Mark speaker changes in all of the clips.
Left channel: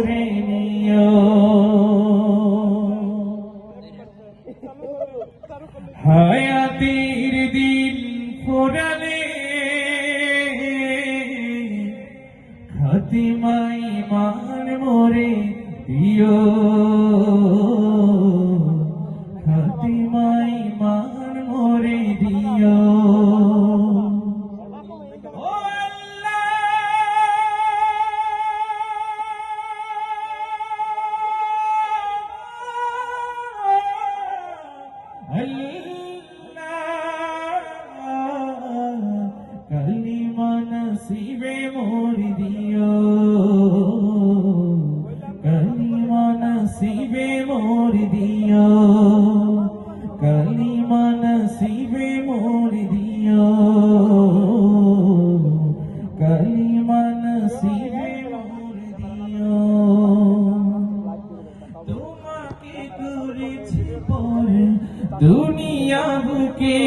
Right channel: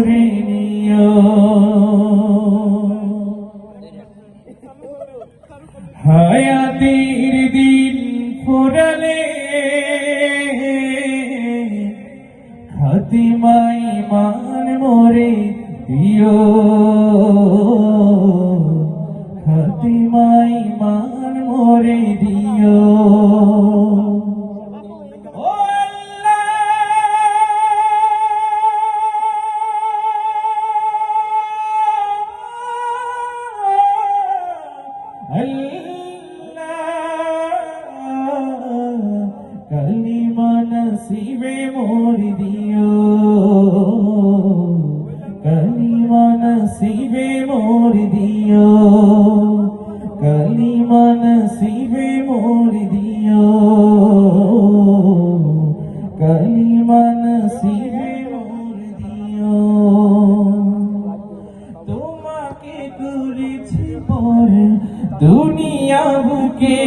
Speaker 1: করে নিও হায়াতের দিন ফুরালে হাতিমাই মার মরে দিও কালিমা নসিবে মোর দিও কালিমা নসিবে দুনিয়া বুকে,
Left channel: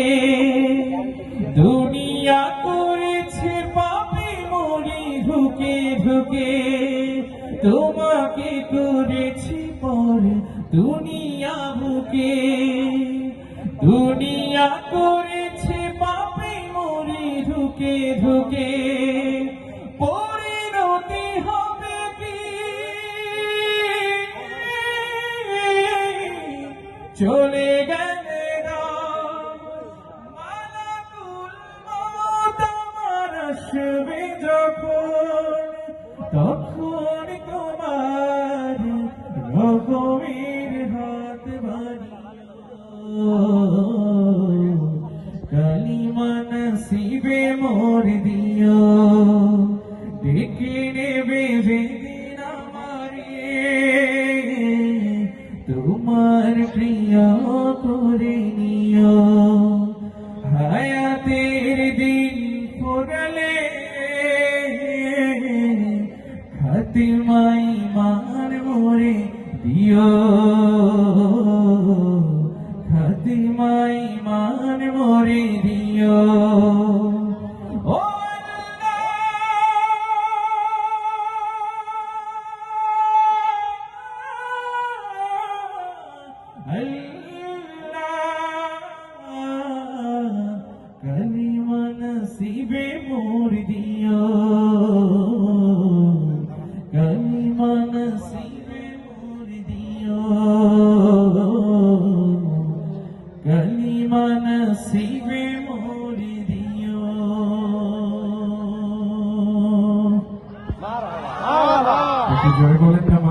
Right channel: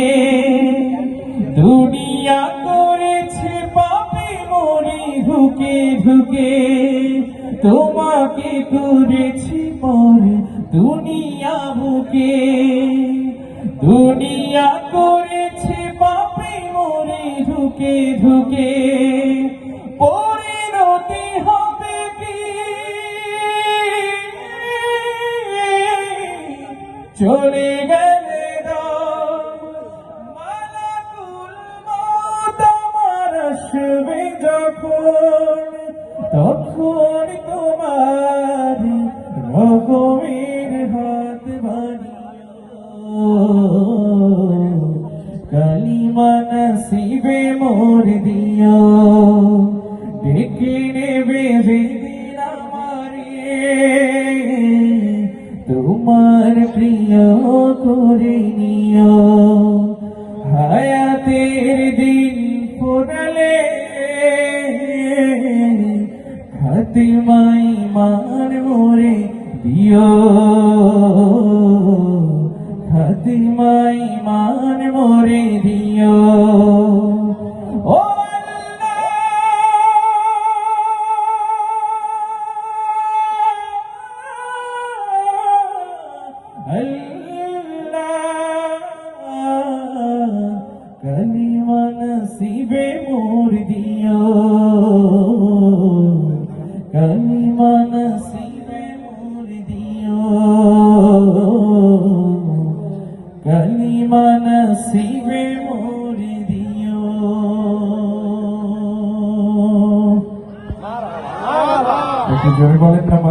Speaker 1: দুনিয়া করেছি পাপি মরি ঢুকে ঢুকে। তোমাকে করেছি পরে দুনিয়া বুকে, দুনিয়া করেছি পাপি মরি ঢুকে ঢুকে। পরিণতি হবে কি? চলে গেলে আসবে তখন তোমার রকমের হাত কালিমা নসিবে মোর দিও ডেকে নেবে তোমার প্রিয় করে খাতিমাই মান মোরে দিও। খাতিমাই মান মোরে দিও। কালিমা নসিবে মোর দিও নসিবে মোর দিও একটু জোরে বলেন না